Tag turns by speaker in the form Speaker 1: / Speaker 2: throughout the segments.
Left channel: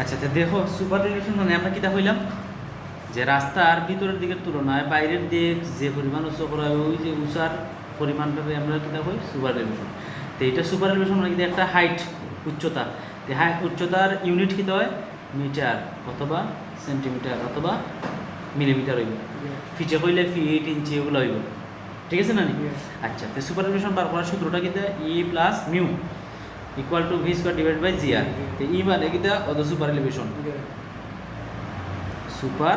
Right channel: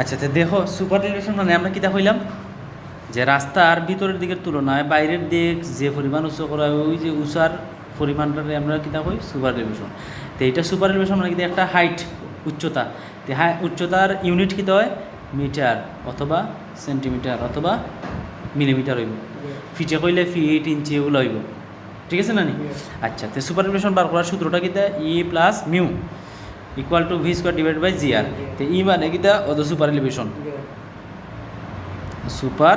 Speaker 1: আচ্ছা তো দেখো সুপার রিলেশন মানে আমরা কিতা হইলাম? যে রাস্তার ভিতরের দিকের তুলনায় বাইরের দিক যে পরিমাণ উঁচু করা হয়, ওই যে উঁচার পরিমাণটাকে আমরা কিতা কই সুপার রিলেশন তো এটা সুপার রিলেশন মানে কিন্তু একটা হাইট উচ্চতা। তো হ্যাঁ উচ্চতার ইউনিট কিতা হয়? মিটার অথবা সেন্টিমিটার অথবা মিলিমিটার হইব। ফিটে কইলে ফিট ইঞ্চি এগুলো হইব। ঠিক আছে না নি? আচ্ছা তো সুপার রিলেশন বার করার সূত্রটা কিতা E plus mu equal to V square divide by G R তো ই মানে কিতা অত সুপার এলিভেশন সুপার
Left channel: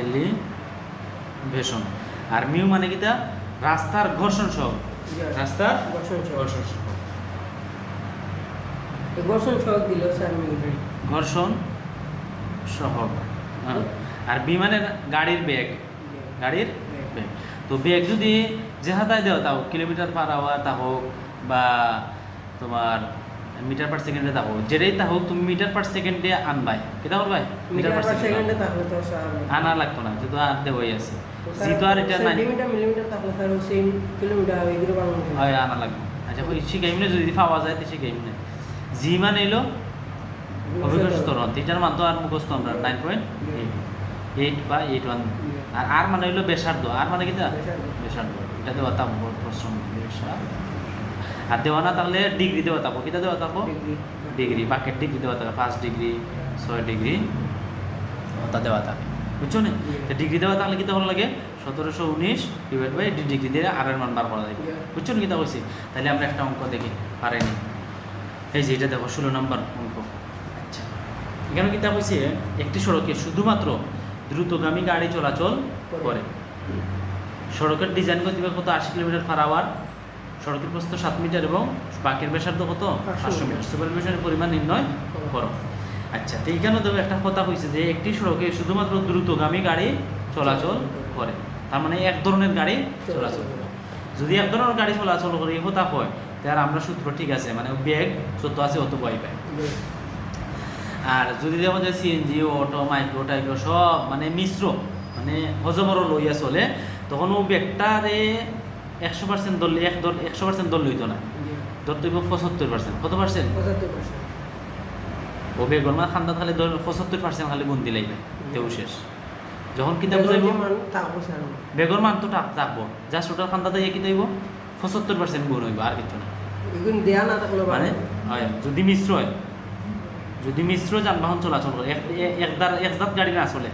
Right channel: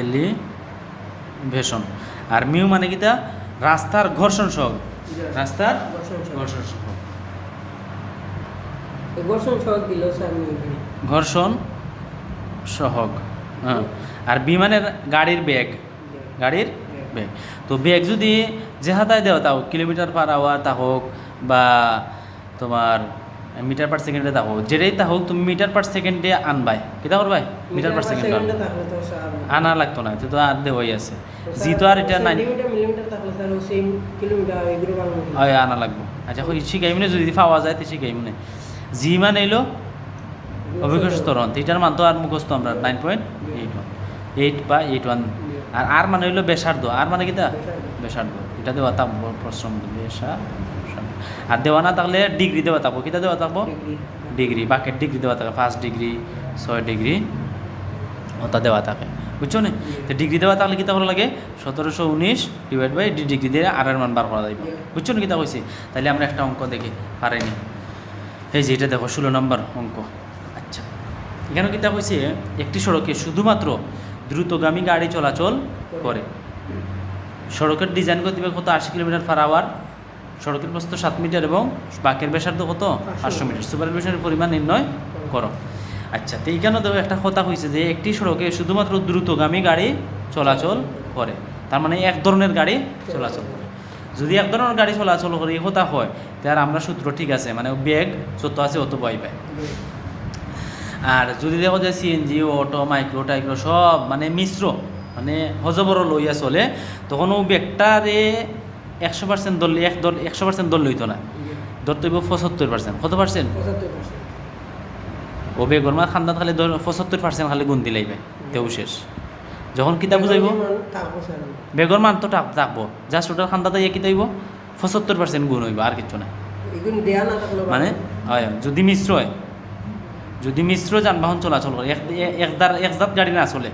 Speaker 1: এলিভেশন আর মিউ মানে কিতা রাস্তার ঘর্ষণ সহ রাস্তার ঘর্ষণ সহগ।
Speaker 2: ঘর্ষণ সহগ দিল স্যার আমি এখানে।
Speaker 1: ঘর্ষণ সহগ। হ্যাঁ। আর বি মানে গাড়ির বেগ। গাড়ির বেগ। তো বেগ যদি যে হাতায় দেওয়া তা হোক কিলোমিটার পার আওয়ার তা হোক বা তোমার মিটার পার সেকেন্ডে তা হোক যেটাই তা হোক তুমি মিটার পার সেকেন্ডে আনবাই। কেটা করবাই? মিটার পার সেকেন্ডে
Speaker 2: তো
Speaker 1: আনা লাগতো না যেহেতু আর দেওয়াই আছে। জি তো আর এটা নাই। হয় আনা লাগবে। আচ্ছা ওই শিখাইমনে যদি পাওয়া যায় তো শিখাইমনে জি মান এলো অভিজ্ঞ স্তরণ এটার মান তো আর মুখস্থ আমরা নাইন পয়েন্ট এইট বা এইট ওয়ান আর আর মানে হইল বেসার্ধ আর মানে কিটা বেসার্ধ এটা দেওয়া থাকব প্রশ্ন বেসার্ধ আর দেওয়া না তাহলে ডিগ্রি দেওয়া থাকব। কিটা দেওয়া থাকব? ডিগ্রি বাকেট ডিগ্রি দেওয়া থাকে পাঁচ ডিগ্রি ছয় ডিগ্রি ওটা দেওয়া থাকে। বুঝছ না? তো ডিগ্রি দেওয়া থাকলে কিতা করা লাগে? সতেরোশো উনিশ ডিভাইড বাই ডি ডিগ্রি দিয়ে আর মান বার করা যাবে বুঝছ না কিতা হয়েছে তাহলে আমরা একটা অঙ্ক দেখি পারেনি এই যে এটা দেখো ষোলো নম্বর অঙ্ক। আচ্ছা। এখানে কিতা হয়েছে একটি সড়কে শুধুমাত্র দ্রুতগামী গাড়ি চলাচল করে। সড়কের ডিজাইন গতিবেগ কত? আশি কিলোমিটার পার আওয়ার সড়কের প্রস্থ সাত মিটার এবং বাকের ব্যাসার্ধ কত? পাঁচশো মিটার। সুপার ব্যাসার্ধের পরিমাণ নির্ণয় করো। আচ্ছা তো এইখানে তো একটা কথা হয়েছে যে একটি সড়কে শুধুমাত্র দ্রুতগামী গাড়ি চলাচল করে। তার মানে এক ধরনের গাড়ি চলাচল করে। যদি এক ধরনের গাড়ি চলাচল করে এই কথা হয় তাহলে আমরা সূত্র ঠিক আছে মানে বেগ যত আছে অত পাই পাই আর যদি দেখো যে সিএনজি অটো মাইক্রো টাইক্রো সব মানে মিশ্র মানে হজবরও লইয়া চলে তখন ও বেগটারে একশো পার্সেন্ট ধরলে এক দল একশো পার্সেন্ট দল হইতো না। ধরতে হইব পঁচাত্তর পার্সেন্ট কত পার্সেন্ট ও বেগর মা খান্দা খালি পঁচাত্তর পার্সেন্ট খালি গুণ দিলাইবে তেও শেষ। যখন কিতা বুঝাইব?
Speaker 2: তারপর
Speaker 1: বেগর মান তো টাপ থাকব জাস্ট ওটার খান্দাতে ইয়ে কিতা হইব। পঁচাত্তর পার্সেন্ট গুণ হইব আর কিছু না।
Speaker 2: দেয়া
Speaker 1: মানে হয় যদি মিশ্র হয়। যদি মিশ্র যানবাহন চলাচল করে এক একদার একজাত গাড়ি না চলে।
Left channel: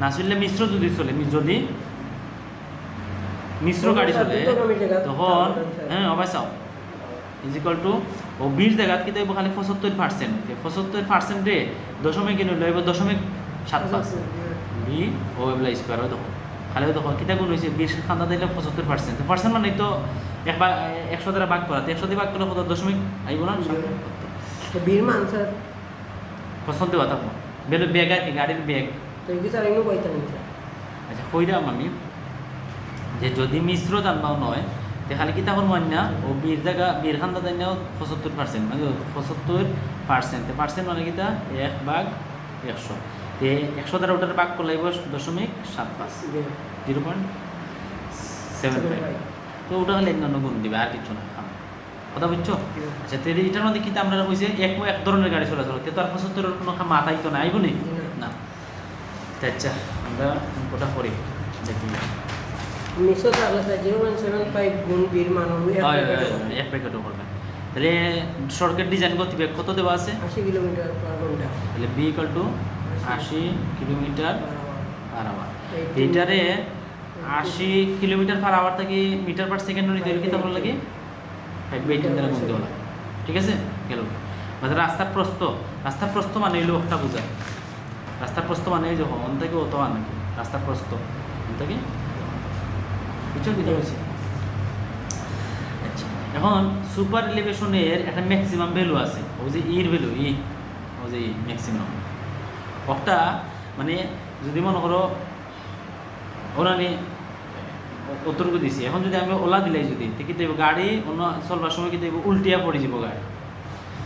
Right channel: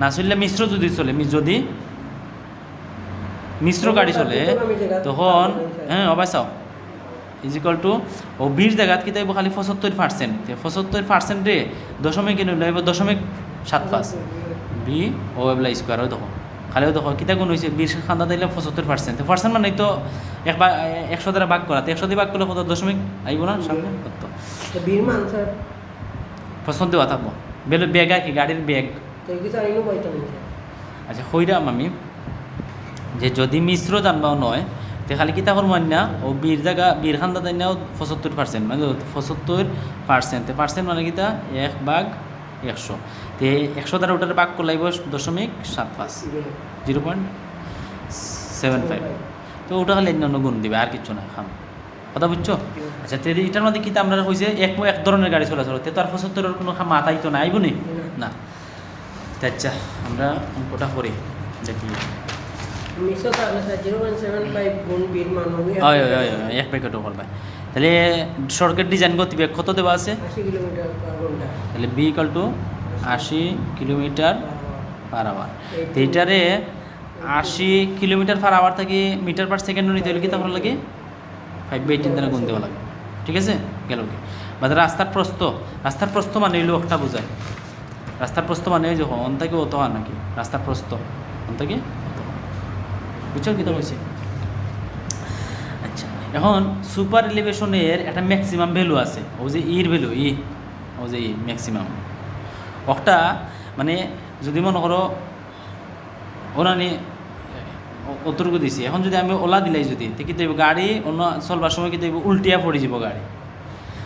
Speaker 1: না চললে মিশ্র যদি চলে যদি মিশ্র গাড়ি চলে তখন হ্যাঁ অবশ্য ইজ ইকুয়াল টু ও বিশ জায়গাত কি তাইব খালি পঁচাত্তর পার্সেন্ট পঁচাত্তর পার্সেন্টে দশমিক কিনে লইব দশমিক সাত পাঁচ। বি ও এগুলা স্কোয়ারও দেখো। খালিও দেখো কিতা গুণ হয়েছে বিশ খান্দা দিলে পঁচাত্তর পার্সেন্ট পার্সেন্ট মানে তো এক বা একশো দ্বারা ভাগ করা তো একশো দিয়ে ভাগ করলে কত দশমিক আইব না প্রশ্ন দেওয়া থাকব। বেলো ব্যাগ আর কি গাড়ির ব্যাগ।
Speaker 2: না
Speaker 1: আচ্ছা কইরাম আমি যে যদি মিশ্র যানবাহন হয় তে খালি কিতা না ও বীর জায়গা বীর খান্দা দেয় না পঁচাত্তর পার্সেন্ট মানে পঁচাত্তর পার্সেন্ট পার্সেন্ট মানে কিতা? এক ভাগ একশো। তে একশো দ্বারা ওটার ভাগ করলে দশমিক সাত পাঁচ। Zero point seven five. তো ওটা খালি অন্য গুণ দিবে, আর কিছু না, খাম। কথা বুঝছ? আচ্ছা তে এটার মধ্যে কিতা আমরা হয়েছে এক এক ধরনের গাড়ি চলাচল। তে তার পঁচাত্তরের কোনো মাথাই তো নাই বলি? না। আচ্ছা আমরা অঙ্কটা করি? দেখি।
Speaker 2: গুণ বীর মান
Speaker 1: হয় হয় এক প্যাকেটও করবে তাহলে সড়কের ডিজাইন গতিবেগ কত দেওয়া আছে?
Speaker 2: আশি কিলোমিটার পার ঘণ্টা।
Speaker 1: তাহলে বি ইকাল টু আশি কিলোমিটার পার আওয়ার এইটারে আশি কিলোমিটার পার আওয়ার থেকে মিটার পার সেকেন্ড নিতে হলে কি তখন লাগে? ফাইভ বাই টেন দ্বারা গুণ দেওয়া লাগে ঠিক আছে? গেল কি? মানে রাস্তার প্রস্থ। রাস্তার প্রস্থ মানে হইল একটা বোঝায়। রাস্তার প্রস্থ মানে যে অন থেকে অত আর নাকি? রাস্তার প্রস্থ। থেকে? কি হয়েছে আচ্ছা এখন সুপার এলিভেশনের একটা ম্যাক্সিমাম ভ্যালু আছে, ও যে ইর ভ্যালু ই ও যে ই ম্যাক্সিমাম একটা মানে যদি মনে করো ওরা নিয়ে অতটুকু দিছি। এখন যদি আমি ওলা দিলাই যদি, তো কি গাড়ি, অন্য চলবার সময় কি উল্টিয়া পড়ে যাব গাড়ি।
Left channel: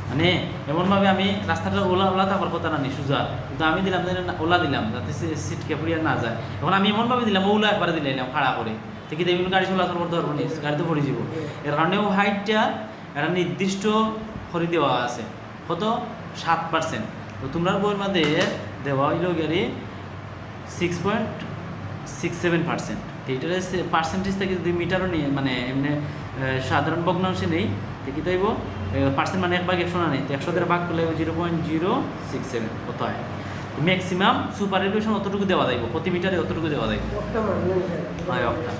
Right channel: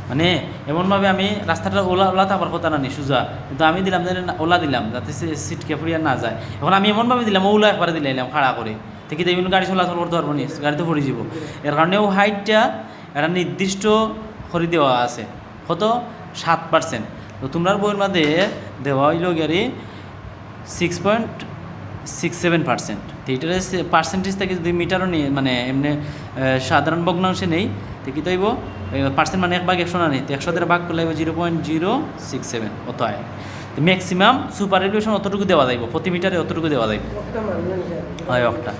Speaker 1: মানে এমনভাবে আমি রাস্তাটা ওলা ওলা থাকার কথা না নি সোজা। কিন্তু আমি দিলাম যে ওলা দিলাম, যাতে সিটকে পড়িয়া না যায়। এখন আমি এমনভাবে দিলাম ওলা একবারে দিলাম খাড়া করে। তো কি দেবেন গাড়ি চলাচল করতে পারব নি? গাড়িতে পড়ে যাব। এর কারণেও হাইটটা একটা নির্দিষ্ট করে দেওয়া আছে। কত? সাত পার্সেন্ট তো তোমরা বইয়ের মধ্যে দেওয়া হইল গেলে six point six seven percent তো এটার পার্সেন্টেজ থেকে যদি মিটারও নিয়ে মানে এমনি সাধারণ ভগ্নাংশে নেই তো কি তাইব পার্সেন্ট মানে এক ভাগ একশো না নেই তো একশো দ্বারা ভাগ করলে zero point zero six seven অত হয় ম্যাক্সিমাম সুপার এলিভেশন অতটুকু দেওয়া যাইব প্রতি মিটারে অতটুকু দেওয়া যাইব। হয়, একটা।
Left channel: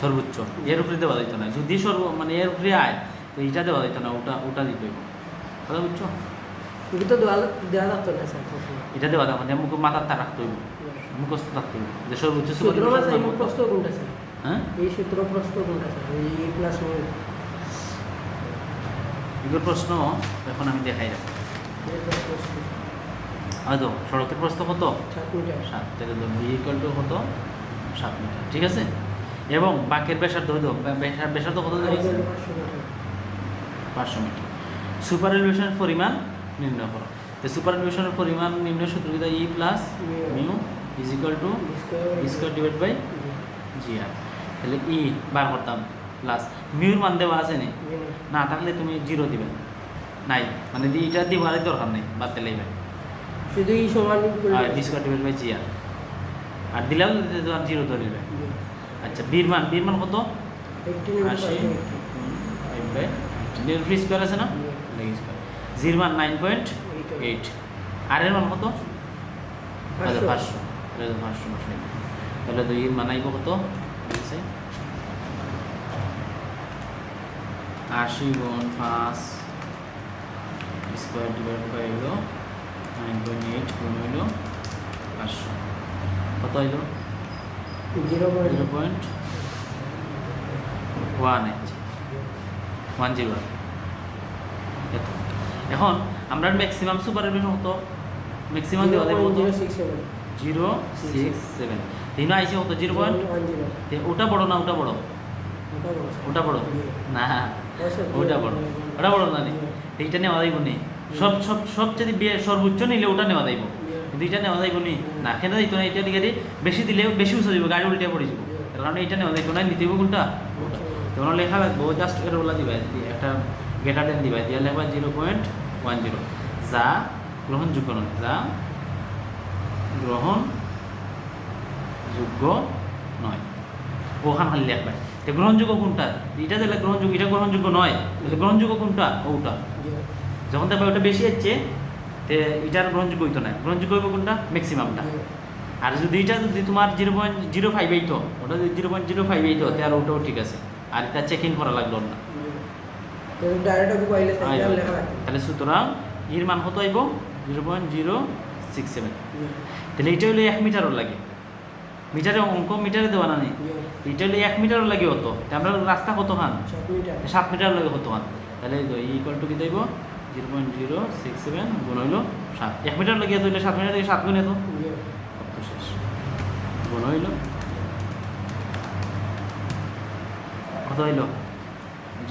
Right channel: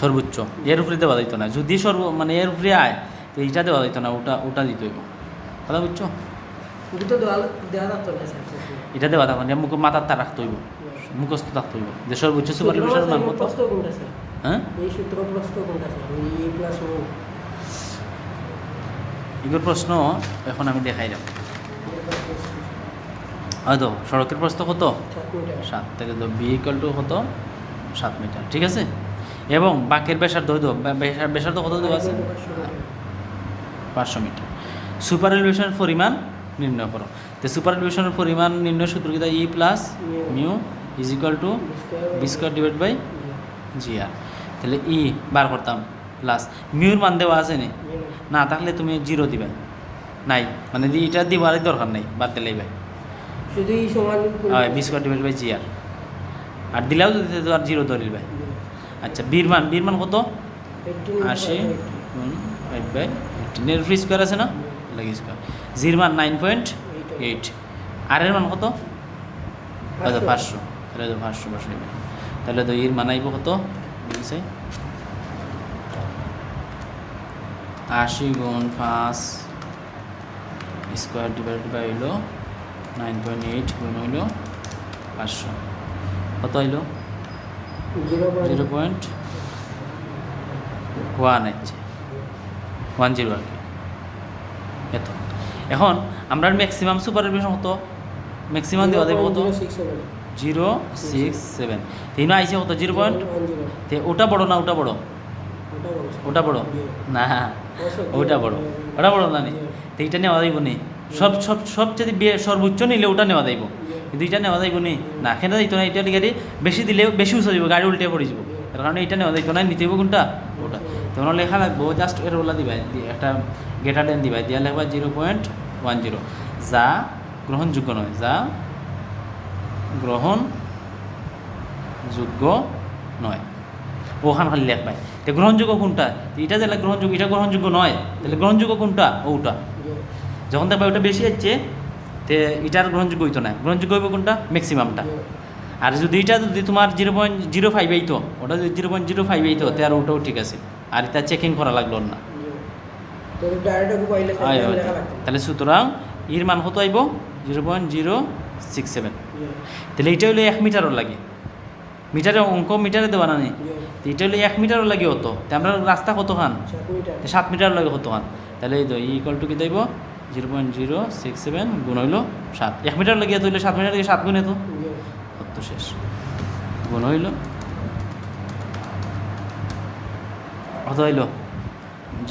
Speaker 1: সর্বোচ্চ এর উপরে দেওয়া যাইতো না যদি সর্ব মানে এর উপরে আয় তো এইটা দেওয়া যাইতো না ওটা ওটা দিত কথা বুঝছ? এটা দেওয়া থাকতো না মুখ মাথার তা রাখতে হইব মুখস্থ থাকতে হইব যে সর্বোচ্চ সুপার
Speaker 2: স্যার?
Speaker 1: হ্যাঁ?
Speaker 2: এই সূত্র প্রশ্ন কোনটা স্যার? এই প্লাস
Speaker 1: এগুলোর প্রশ্ন এখন আমি দেখাই যাব। হয়তো সড়কের প্রশ্ন কত?
Speaker 2: সাত
Speaker 1: থেকে তো বি টু কত? সাত মিটার, ঠিক আছে? এবং বাকের হইতো ব্যাসার ব্যাসার্ধ কত দেওয়া আছে? পাঁচশো মিটার। সুপার এলিভেশনের পরিমাণ নির্ণয় করো। তো সুপার এলিভেশনের পরিমাণ নির্ণয় সূত্র e plus mu is to v divide by g r তাহলে ই বার করতাম। প্লাস মিউর মান দেওয়া আছে নি? না তাহলে তুমি জিরো দিবে। নাই মানে দি- এটা দিবারই দরকার নেই বাদ দিলেই ভাই
Speaker 2: শুধু এই সমান
Speaker 1: হয় v square divide by g r আর দিলেও যদি তো আর জিরো ধরিবে আচ্ছা বীর মান বীর মান কত? আশি। বাই এইটিন ফ্রি স্কোয়ার আছে না? লেগ স্কোয়ার জির মান নাইন পয়েন্ট এইট। আর এর মান কত? পাঁচশো। তাহলে পাঁচশো তাহলে তো এর মান আইব কত? আশি গুণ পাঁচ স্কোয়ার ডিভাইড বাই হইল নাইন পয়েন্ট এইট গুণ হইল পাঁচশো। কত হইল? Zero point one eight one zero এত। এখন আমরা ম্যাক্সিমাম সুপার এলিভেশন কত? ম্যাক্সিমাম দেওয়া দেবো কত? জিরো সিক্স সেভেন তিন আইসে কত? জিরো পয়েন্ট ওটা বড় না ওটা বড়। ওটা বড়। না। ওটা বড়। ওটা বড় না তো এইটা নেওয়া যাইব নি। সব সব সব যদি বিয়ে সর্বোচ্চ নিলে ওটা নেওয়া যাইব। কিন্তু এইটা নেওয়া যাইব নি, না কেন দিত না এটা নিয়ে বেশি দিলেও বেশি উঁচু যাব গাড়ি উল্টে পড়ে যাব তার কারণে এটা নেওয়া যাইব না, নিতে কোনটা? তোমার লেখা লাগবো জাস্ট এটা বলা দিবা একটা গেটার দেন দিবা, দিয়া লেখবা জিরো পয়েন্ট ওয়ান জিরো যা গ্রহণযোগ্য নয়, যা গ্রহণ যোগ্য নয়। ওখান খালি লেখবাই তো গ্রহণযোগ্য কোনটা? এটা তাহলে গ্রহণযোগ্য এটা গ্রহণযোগ্য নয়। তাহলে গ্রহণযোগ্য কোনটা? ওটা। যখন দেখবে ওটা বেশি হচ্ছে তে এটার গ্রহণযোগ্য হইতো না। গ্রহণযোগ্য হইব কোনটা? ম্যাক্সিমামটা আর যদি এটা যদি তোমার জিরো পয়েন্ট জিরো ফাইভ এইতো ওটা যদি জিরো পয়েন্ট জিরো ফাইভ এইতো তাহলে ওটাও ঠিক আছে। আর এটা চেকিং করা লাগল না। তাহলে সুতরাং এর মান কত আইব zero point zero six seven তাহলে এটা হলো এক মিটারও লাগে। মিটারে অঙ্ক মিটারে দেওয়া না নেই। এটা হলো এক মিটারও লাগে হতো আমরা রাস্তা কত খান? সাত মিটার। লাগে কত খান? তাহলে এই তো ইকুয়াল টু কি দেব? Zero point zero six seven গুণ হইল সাত। এক মিটার লাগে তো সাত মিটার লাগে সাত গুণ তো তো শেষ। গুণ হইল। কত হইল?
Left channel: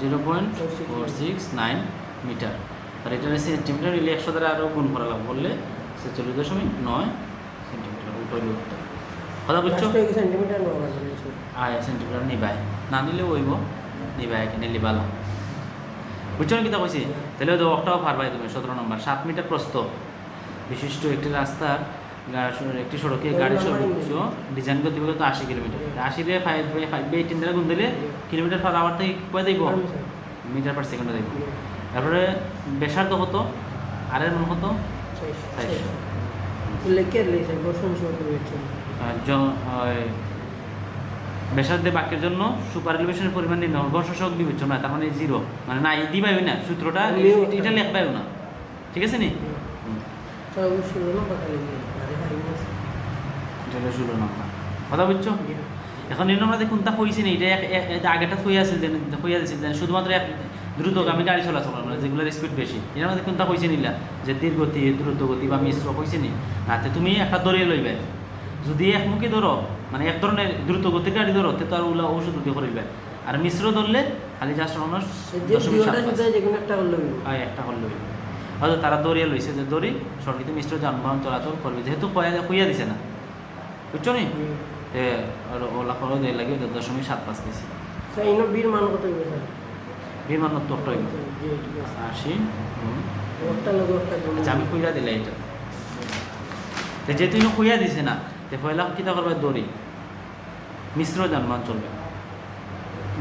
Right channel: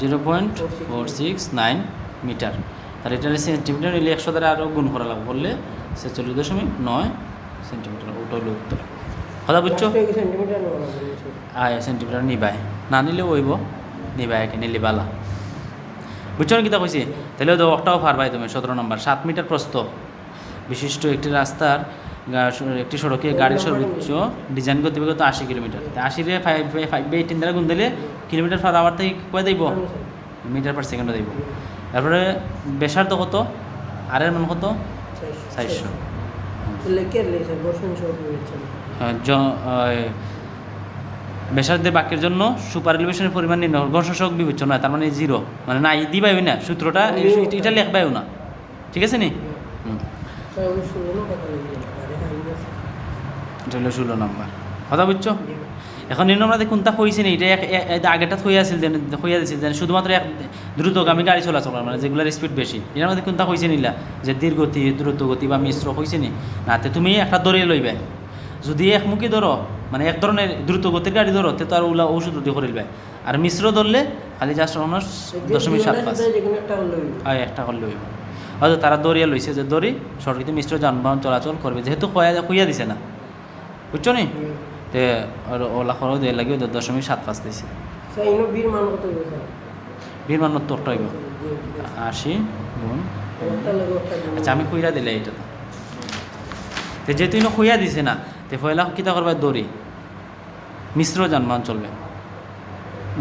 Speaker 1: Zero point four six nine metre. আর এটা সেন্টিমিটার হইলে একশো দ্বারা আরও গুণ করা লাগবে বললে ছেচল্লিশ দশমিক নয় সেন্টিমিটার ওটা হইল উত্তর। কথা বুঝছ? আয় সেন্টিমিটার নিবাই। না নিলেও হইব। নিবাই একে নিলে বালা বুঝছ না কিতা কইছি? তাহলে তো একটাও পারবাই তুমি সতেরো নম্বর। সাত মিটার প্রস্থ। বিশিষ্ট একটি রাস্তার একটি সড়কে গাড়ির সর্বোচ্চ ডিজাইন করতে গতিবেগত আশি কিলোমিটার। আশি রে ফাইভ ফাইভ বাই এইটিন দ্বারা গুণ দিলে কিলোমিটার পার আওয়ার থেকে কয়ে দিব? মিটার পার সেকেন্ডে দিব। তারপরে বেসার তো কত? আর এর মান কত চারশো ব্যাসার্ধের বাক্যের জন্য সুপার এলিভেশনের পরিমাণ নির্ণয় ঘর্ষক বিবেচ্য নয় তার মানে জিরো মানে নাই দিবাই না সূত্রটা এটা লেখবাইও না। ঠিক আছে নি? ষোলো নাম্বার। কথা বুঝছ? এখন নির্ণয় কোনটা হয়েছে না এটা এক- আগেটা হয়ে আছিল দেন হইয়া দিছিল দেন শুধুমাত্র এক দ্রুতগামী গাড়ি চলাচল মানে যেগুলোর স্পিড বেশি। এর মধ্যে কোনটা হয়েছে নিলা? যে ধীর গতি দ্রুত গতি বা মিশ্র হয়েছে নি না তে তুমি একটা দরিয়ে লইবে। যদি একমুখী ধরো মানে এক ধরনের দ্রুত গতির গাড়ি ধরো তে তো আর ওলা ওষুধ দিয়ে করিবে আর মিশ্র ধরলে খালি জাস্ট অনার্স দশমিক সাত পাঁচ। হয় একটা করলে হইব। হয়তো তারা দরিয়া লইছে যে দড়ি সরকারিতে মিশ্র যানবাহন চলাচল করবে। যেহেতু কয়া কইয়া দিছে না। বুঝছ নি? তে আর ওলা খরচ দিয়ে লাগে ওদের দশমিক সাত পাঁচ দিছে।
Speaker 2: বীর মান কত
Speaker 1: হইব। আশি আচ্ছা আমি খুঁজা দিলে এটা যেহেতু খুঁজা দিছি না তো পয়লা কিতা করবা দড়ি? মিশ্র যানবাহন চলবে।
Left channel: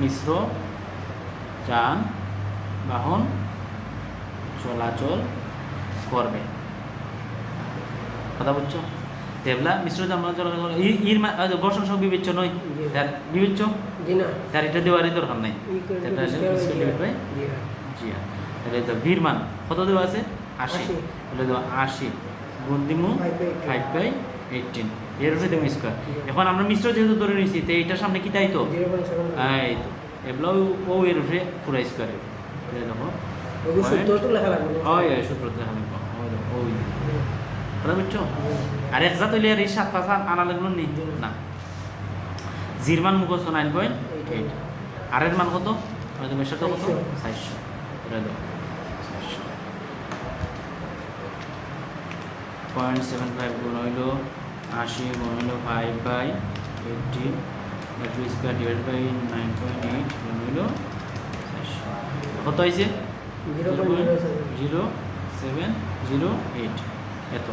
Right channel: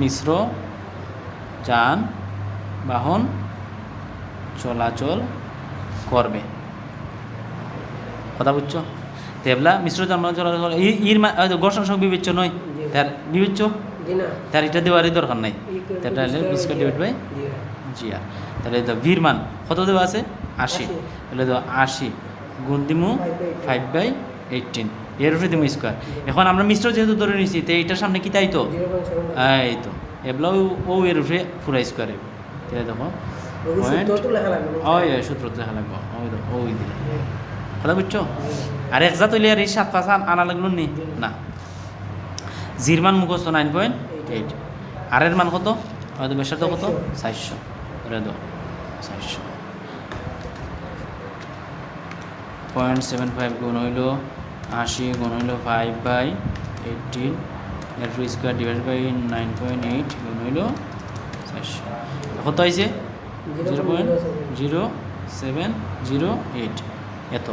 Speaker 1: মিশ্র যান বাহন চলাচল করবে। কথা বুঝছ? দেবলা মিশ্র যানবাহন চলাচল। ইর ঘর্ষণ সহ বিবেচ্য নয়। তার বিবেচ্য? তার এটা দেওয়ারই দরকার নাই। তাহলে square divide by
Speaker 2: g
Speaker 1: g তাহলে তো ভির মান কত দেওয়া আছে? আশি। তাহলে তো আশি। গুণ দিমু ফাইভ বাই এইটিন। এর উপরে দিমু স্কোয়ার এখন আমরা মিশ্র যেহেতু ধরে নিয়েছি তো এইটার সামনে কি তাই তো?
Speaker 2: সেভেন
Speaker 1: এই তো। এগুলো ও এর উপরে পুরো স্কোয়ার তাহলে দেখো।
Speaker 2: ওই
Speaker 1: point-
Speaker 2: সূত্রটা লেখা লাগবে।
Speaker 1: ওই ওই সূত্র দেখা লাগবে। ওই দেখো, ওই কথা বুঝছ? আর এক জাত আর এই সাত পাঁচ আনা লাগল নি? না। জির মান মুখস্থ নাইন পয়েন্ট এইট আর এর মান কত? আমাদের বেশাটা কত?
Speaker 2: চারশো।
Speaker 1: চারশো এটা দাও চারশো। পয়েন্ট সেভেন ফাইভ গুণ হইল আশি গুণ হইল five by eighteen f square divide by nine point eight গুণ হইল চারশো। কত হয়েছে? Zero point zero seven zero eight এত।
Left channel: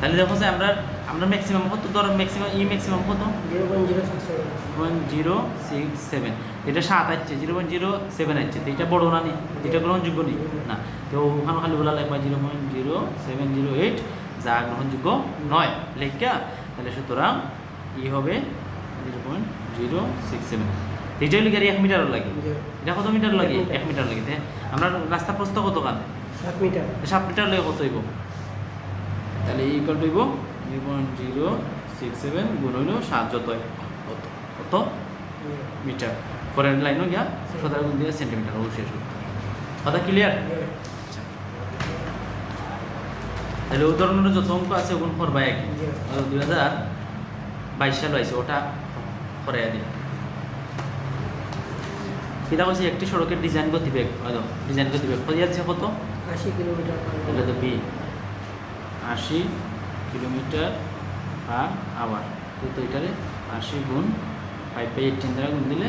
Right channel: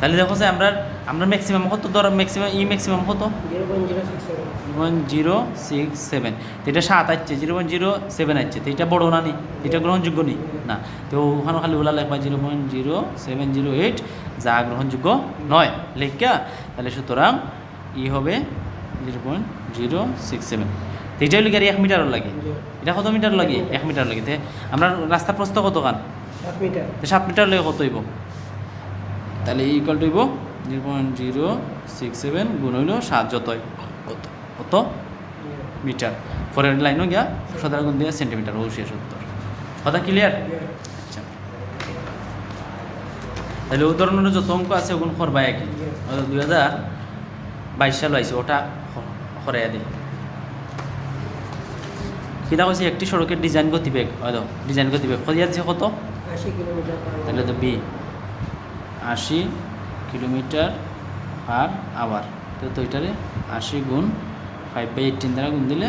Speaker 1: তাহলে দেখো যে আমরা আমরা ম্যাক্সিমাম কত ধরো? ম্যাক্সিমাম ই ম্যাক্সিমাম কত? ওয়ান জিরো সিক্স সেভেন এটা সাত আসছে জিরো পয়েন্ট জিরো সেভেন আসছে। তো এটা বড় না নি? এটা গ্রহণযোগ্য নি? না। তো ওখানে খালি ওলা লেখবা zero point zero seven zero eight যা গ্রহণযোগ্য নয়। লেখা তাহলে সুতরাং ই হবে zero point zero six seven. তো এটা লিখে এক মিটারও লাগে। এটা কত মিটার লাগে? এক মিটার লাগে। আমরা রাস্তা প্রস্থ কত কান?
Speaker 2: সাত মিটার
Speaker 1: লাগে কত হইব? তাহলে ইকুয়াল টু হইব zero point zero six seven গুণ হইল সাত যত কত? কত? মিটার। পরের লাইনও গিয়া সাধারণ গুণ দিয়া সেন্টিমিটার ও শেষ উত্তর কথা ক্লিয়ার তাহলে উদাহরণের যত অঙ্ক আছে ওগুলো করবা একই। দুই হাজার বাইশ সাল আইছে ওটা করাইয়া দিই কিনা হয়েছে একটি সড়কের ডিজাইন গতিবেগ হয়তো ডিজাইন গতিবেগ কত?
Speaker 2: আশি কিলোমিটার পার
Speaker 1: তাহলে তো বি। আশি কিলোমিটার পার আওয়ার তো তো এটারে আশি গুণ ফাইভ বাই এইটিন দ্বারা গুণ দিলে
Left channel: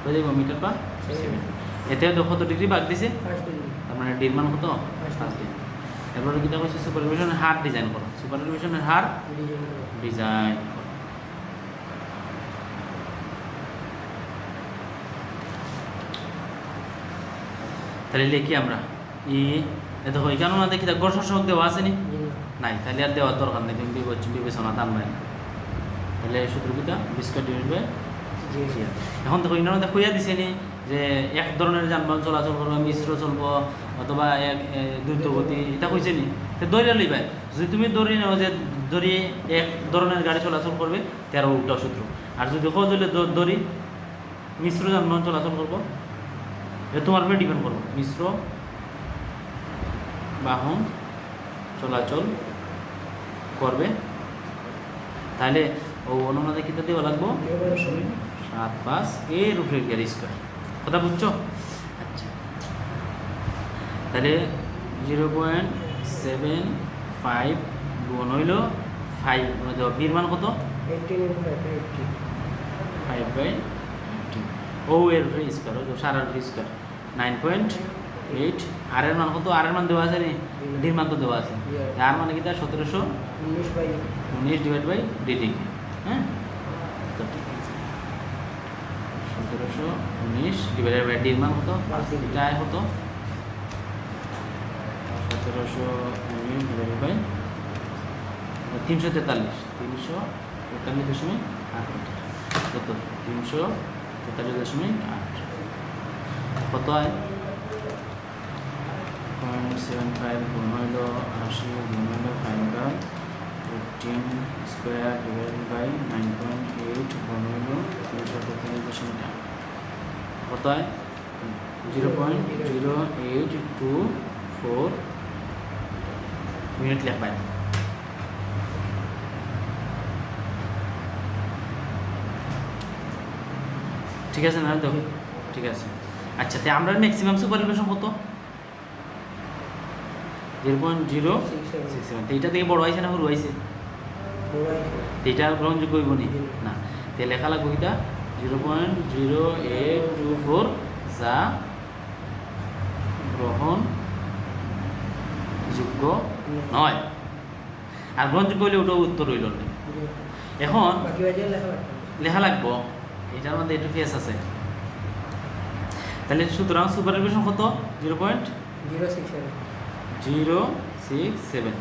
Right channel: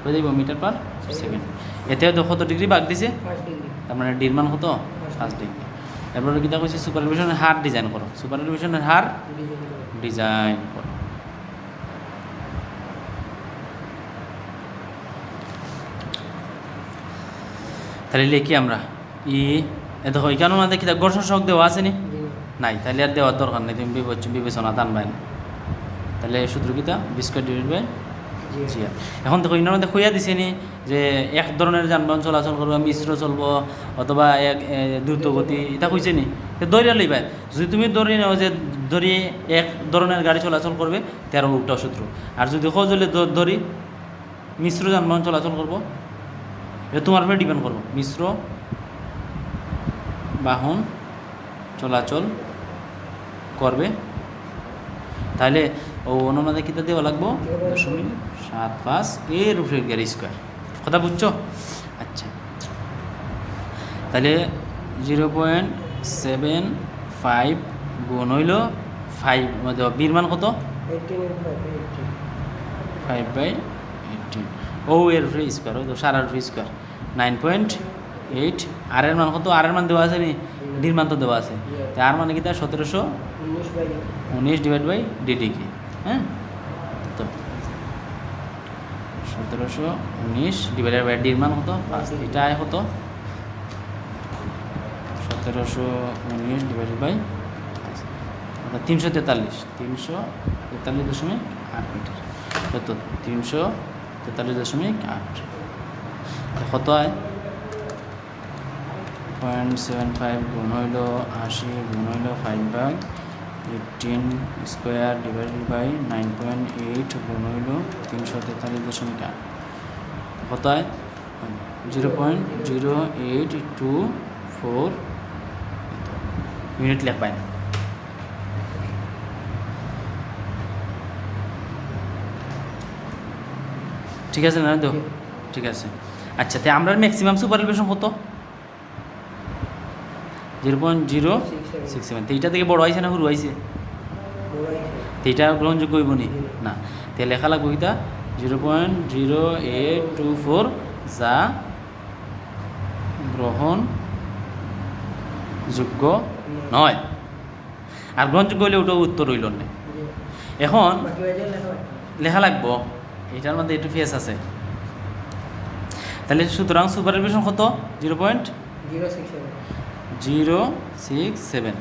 Speaker 1: কত দেবো মিটার পার সেকেন্ড এতেও তো কত ডিগ্রি বাগ দিছে। তার মানে ডির মান কত পাঁচ ডিগ্রি এরপরে কিতা কইছে সুপারভিশনের হার ডিজাইন করো। সুপারভিশনের হার
Speaker 2: ডিজাইন
Speaker 1: তাহলে লিখি আমরা ই দেখো এখানে না দেখি ঘর্ষণ সহক দেওয়া আছে নি? নাই তাহলে আর দেওয়ার দরকার নেই তুমি বিবেচ- বিবেচনা দান নাই। তাহলে সূত্র কিতা বিস্কুট ডিভাইড বাই এখন দেখো ইনার মধ্যে কইয়া দিছে নি যে এক ধরনের যানবাহন চলাচল করব, মিশ্র চলবো, অথবা এক দ্রুতগতি, এটা কইছে নি? দৌড়া লইবা যদি তুমি দৌড়ি নাও যে দড়ি এক ধরনের গাড়ি চলাচল করবে, তেরো উল্টা সূত্র আর যদি খোঁজ হলে দড়ি মিশ্র যানবাহন চলাচল করব এটা তোমার উপরে ডিপেন্ড করব। মিশ্র বাহন চলাচল করবে। তাহলে ও অনুনাদে কিতা দেওয়া লাগবো। দশমিক সাত, পাঁচ, এর উপরে গিয়ে স্কোয়ার কথা বুঝছ? আচ্ছা। তাহলে জিরো পয়েন্ট সেভেন ফাইভ গুণ হইল ফাইভ বির মান কত?
Speaker 2: Eighteen eighteen
Speaker 1: five by eighteen ও এর উপরে স্কোয়ার ও তো সারার উপরে স্কোয়ার নাইন পয়েন্ট এইট। আর এর মান কত? আর এর মান দেওয়া আছে নি? ডির মান তো দেওয়া আছে। তা আর মানে কি তার সতেরোশো
Speaker 2: উনিশ
Speaker 1: ডিভাইড বাই ডি ডিগ্রি হ্যাঁ তো সতেরোশো উনিশ ডিভাইড বাই ডির মান কত পাঁচ এটা আয় কত সতেরোশো উনিশ ডিভাইড বাই তিনশো তেতাল্লিশ তিনশো তেতাল্লিশ দশমিক আট মিটার কত তিনশো তেতাল্লিশ দশমিক আট। কত হয় পয়েন্ট সেভেন ফাইভ গুণ হইল আশি, গুণ হইল five by eighteen square divided by nine point eight হইল তিনশো তেতাল্লিশ হয় zero point zero eight two four minute লেখ পাই ঠিক আছে না তো ঠিক আছে। আচ্ছা তাই আমরা ম্যাক্সিমাম সুপার কত? Zero point zero six seven. তো এইটা থেকে বড় হয়েছে না সরু হয়েছে তো এটা গ্রহণযোগ্য হইব নি? না। তে লেখা লাগবে এটা zero point zero eight two four যা গ্রহণ যোগ্য নয় আর গ্রহণযোগ্য হইলে ওটা উত্তর হইল না এখন
Speaker 2: লেখা
Speaker 1: লাগবো। এটার মধ্যে একটু ফেস আছে। তাহলে সুতরাং সুপারভিশন কত? Zero point
Speaker 2: zero six
Speaker 1: zero six seven.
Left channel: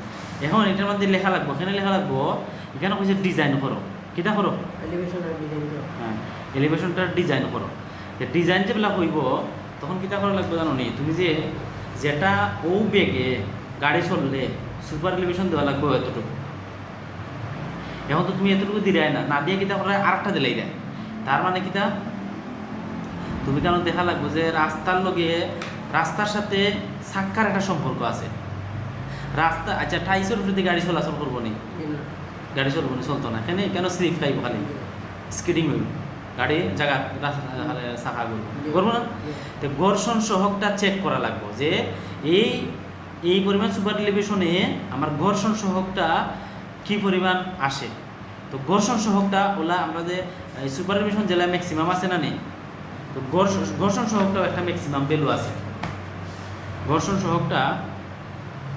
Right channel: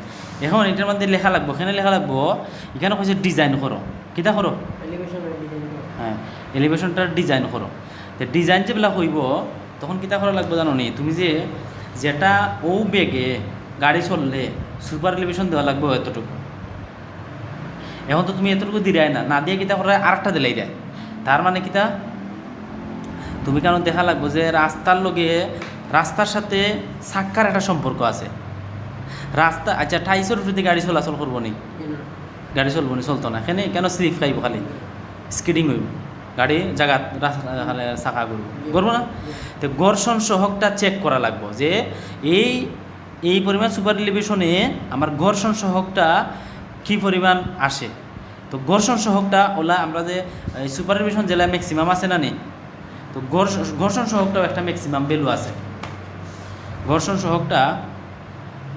Speaker 1: এখন এটার মধ্যে লেখা লাগবো এখানে লেখা লাগবো এখানে কইছে ডিজাইন করো। কিতা করো? হ্যাঁ এলিভেশনটা ডিজাইন করো। তো ডিজাইন যেগুলা হইব তখন কিতা করা লাগবে জানো নি তুমি যে যেটা ও বেগে গাড়ি চললে সুপার এলিভেশন দেওয়া লাগবে এতটুকু। এখন তো তুমি এতটুকু দিলাই না না দিয়ে কিতা করে আরেকটা দিলাই দেয়। তার মানে কিতা? তুমি কারণ দেখা লাগবে যে রাস্তার লগে রাস্তার সাথে সাক্ষার একটা সম্পর্ক আছে। রাস্তা আচ্ছা ঠাইশোর যদি গাড়ি চলাচল করব নি? গাড়ি চলবো নি, চলতো না। এখানে কেন স্লিপ খাইব খালি? স্কিডিং হইব। গাড়ি জায়গা চাকা করব করব না? তো ঘর্ষণ সহকটা চেক করা লাগবো যে এই এই পরিমাণ সুপার টেলিভিশনে আমার ঘর্ষণ সহকটা কি পরিমাণ আসে? তো ঘর্ষণ সহকটা ওলা আমরা যে সুপার টেলিভিশন জেলায় ম্যাক্সিমাম আছে না নেই? তো ঘর্ষণ সহকটাও একটা ম্যাক্সিমাম ভ্যালু আছে। ঘর্ষণ সহকটা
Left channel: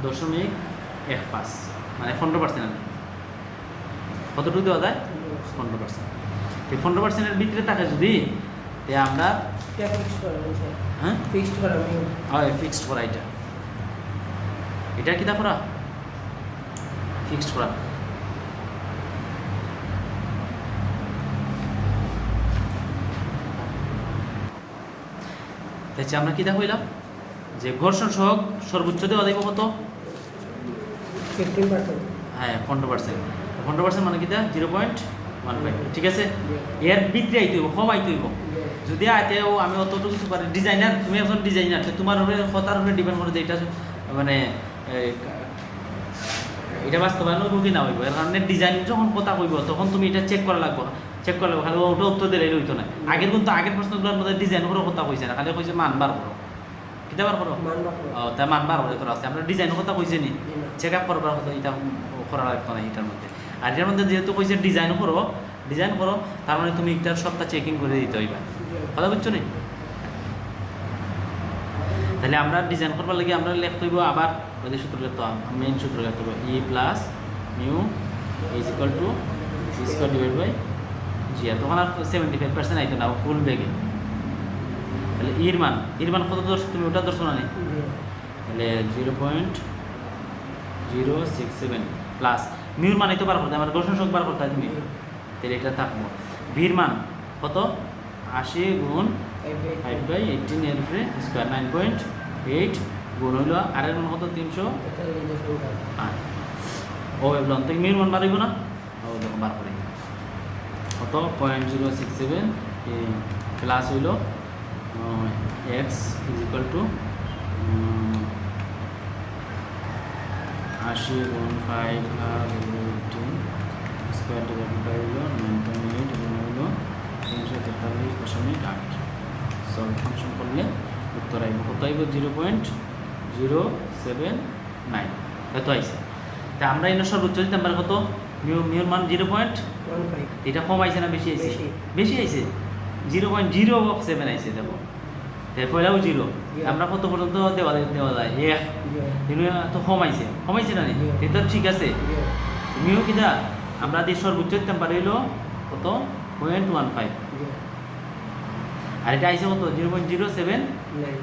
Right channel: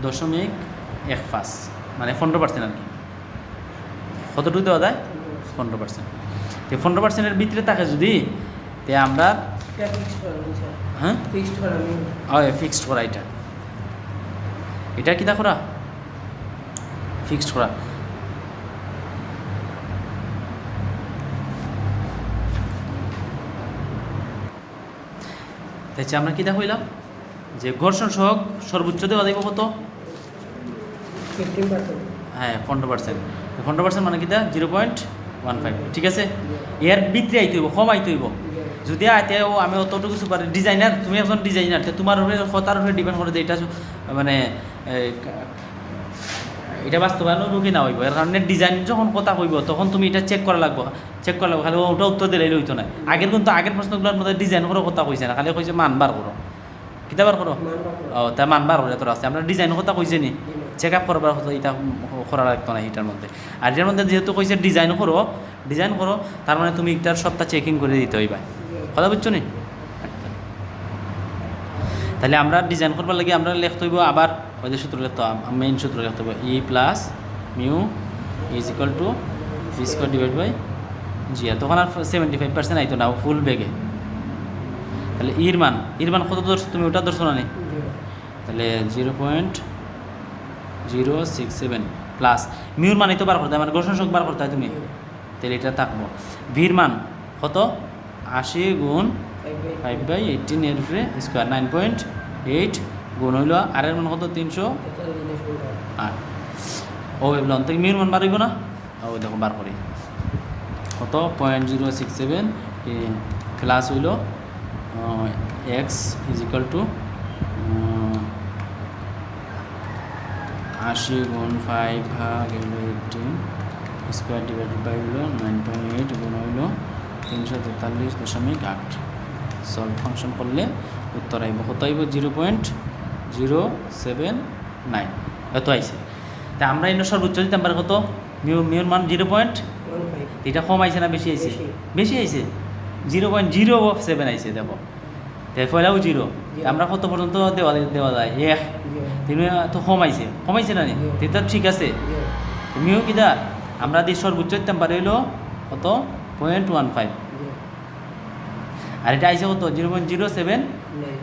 Speaker 1: দশমিক এক পাঁচ মানে পনেরো পার্সেন্ট আর কি। কতটুকু দেওয়া যায়? পনেরো পার্সেন্ট তো পনেরো পার্সেন্টের ভিতরে থাকে যদি তে আমরা হ্যাঁ
Speaker 2: ফিক্সড করা
Speaker 1: হয়? ফিক্সড করা এটা। এটা কিতা করা ফিক্সড করা। তাই আমরা কিতা হইলাম যে ঘর্ষণ সহক সর্বোচ্চ দেওয়া যাইব কত? হ্যাঁ পনেরো পার্সেন্ট পনেরো পার্সেন্ট মানে কিতা? Zero point one five. ঠিক আছে? এর ভিতরে আইতে হইব কম আইতে হইব। যদি আইতে আমি অতটুকু সুপার ডিজাইনার তুমি একজন ডিজাইনার তো তোমার উপরে কথার উপরে ডিপেন্ড করে যে এটা মানে এটা বাস্তবায়ন কি না হইব। এর কারণে ডিজাইন যখন কথা হইব তখন তুমি এটা চেক করা লাগবে। চেক করা লাগবে খালি ওটা উত্তর দিলে হইতো না। আগের কিন্তু আগের প্রশ্নগুলোর মধ্যে ডিজাইন করে কথা কইছে না খালি কইছে মান বার করো। কিতা বার করো ও তা মান বার করে তোর আছে। আমরা ডিজাইন কথা কইছে নি? চেক আপ করবার কথা এটা করা লাগতো না এটার মধ্যে আর এটার মধ্যে যেহেতু কইছে ডিজাইন করো ডিজাইন করো তার মানে তুমি এটার সবটা চেকিং করে দিতে হইবা। কথা বুঝছ নি? তাহলে আমরা ডিজাইন করবার লাগে আমরা লিখতে হইব আবার ওই সূত্র লিখতে মেইন সূত্র লিখতে হবে e plus mu is equal to e square divide by g তখন আর সেভেন্টি ফাইভ পার্সেন্ট আইতো না ফুল বেগে। তাহলে ইর মান ইর মান কত ধরছো তুমি? ওটা ধরছো না নি? তাহলে zero point zero six seven plus Muir মান এই তো বার করতে আমার ঘর্ষণ শোক বার করতে হয় তুমি। তাহলে এটা থাকব ভির মান কত? আশি গুণ ফাইভ বাই এইটিন এর উপরে স্কোয়ার নাইন পয়েন্ট এইট গুণ হইল আর এর মান কত? তিনশো আট। ও এগুলো তো মিউর মান বাড়িব না? ও দেখো বার করি। কত? Point zero six seven plus হইল এক্স ইজ ইকাল টু আশি গুণ ফাইভ ভাগ এইটিন স্কোয়ার ডিভাইড বাই হলো নাইন পয়েন্ট এইট গুণ হলো তিনশো তেতাল্লিশ দশমিক আট। সব ফাংশন করলে উত্তর আইব। কত আইব? Zero point zero seven nine. হয়তো আইছে? তা আমরা এনে সর্বোচ্চ দিতাম কত? মিউ মিউর মান জিরো পয়েন্ট? এটা কম আইছে না বেশি আইছে?
Speaker 2: বেশি।
Speaker 1: আইছে? জিরো পয়েন্ট জিরো সেভেন আইছে দেখো। পয়লাও জিরো। আমরা কত পর্যন্ত দেওয়া দেওয়া যায়? এক। তুমি তো কমাইছে কমাইছে না নি। এটা ঠিক আছে। তুমিও কিনা আমরা দিয়ে সর্বোচ্চ দিতাম পারি হইল কত? Point one five. আর এটা আইসে কত? Zero point zero seven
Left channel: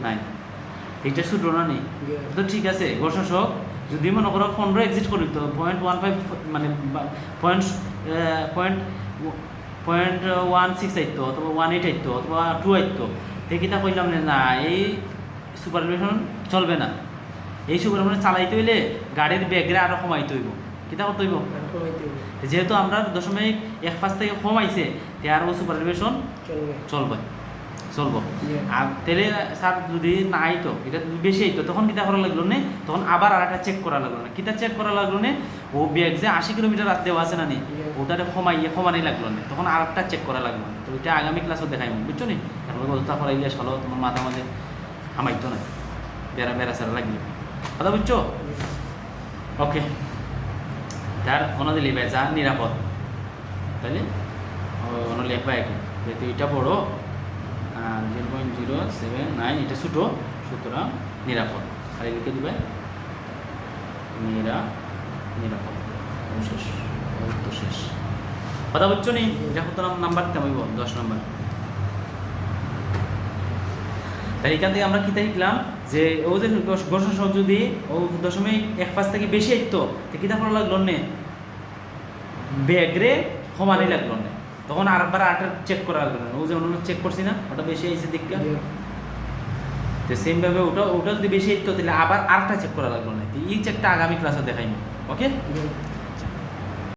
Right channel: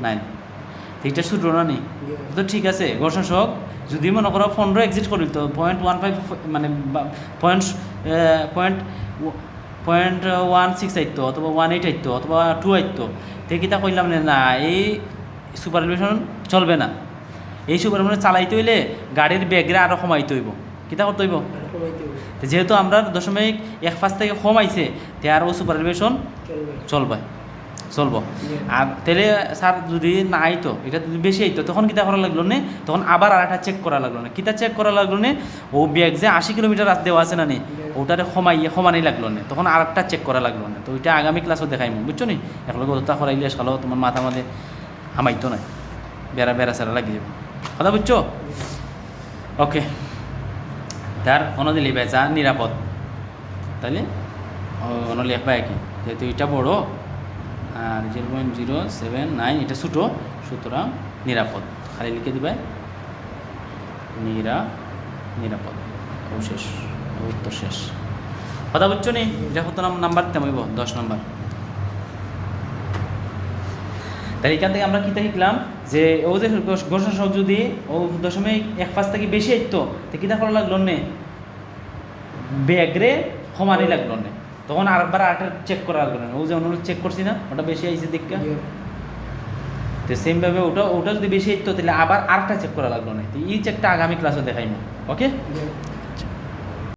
Speaker 1: nine. এটা সূত্র না নি? তো ঠিক আছে। ঘর্ষণ সহক যদি মনে করো পনেরো এক্সিট করি তো পয়েন্ট ওয়ান ফাইভ মানে point point point one six আইতো অথবা ওয়ান এইট আইতো অথবা টু আইতো তে কিতা কইলাম না, এই সুপারভিশন চলবে না। এই সুপারভিশন চালাইতে হইলে গাড়ির ব্যাগরে আরও কমাইতে হইব। কিতা করতে হইব? তো যেহেতু আমরা দশমিক এক পাঁচ থেকে কমাইছে তে আর ও সুপারভিশন চলবে। চলবো। আর তাহলে স্যার যদি না আইতো, এটা বেশি আইতো, তখন কিতা করা লাগল না? তখন আবার আর একটা চেক করা লাগল না। কিতা চেক করা লাগল না? ও ব্যাগ যে আশি কিলোমিটার রাস্তা দেওয়া আছে না নি, ওটারে কমাইয়ে কমানি লাগল না। তখন আর একটা চেক করা লাগল না। তো ওইটা আগামী ক্লাসও দেখাইব বুঝছ নি? এখন ওটা করাইলে সালো তোমার মাথা মধ্যে হামাইতো না। বেড়া বেড়া সারা লাগিয়ে যাবে। কথা বুঝছ? ওকে। তার অনদি লিখবে যা নিরাপদ। তাইলে? অন লিখবা কি? যেহেতু এটা বড় zero point zero seven nine এটা ছোটো, সুতরাং নিরাপদ। খালি লিখে দিবে? নিরা নিরাপদ। শেষ। উত্তর শেষ। কথা বুঝছ নি? এটা কত নাম্বার তেমইব দশ নম্বর। তাই এখান থেকে আমরা কিতা শিখলাম যে ও যে ঘোষণা সহ যদি ও দশমিক এক পাঁচ থেকে বেশি আইতো তো কিতা করা লাগল নে? ব্যাগরে সমানই লাগল তখন আরেকবার আটা চেক করা লাগবে না। ওই যে অনুরোধ চেক করছি না ওটা বেশি আইছে দেখা তো সেম ভাবে ওটা ওটা যদি বেশি তো তাহলে আবার আরেকটা চেক করা লাগবে না। এই চেকটা আগামী ক্লাসে দেখাই না। ওকে.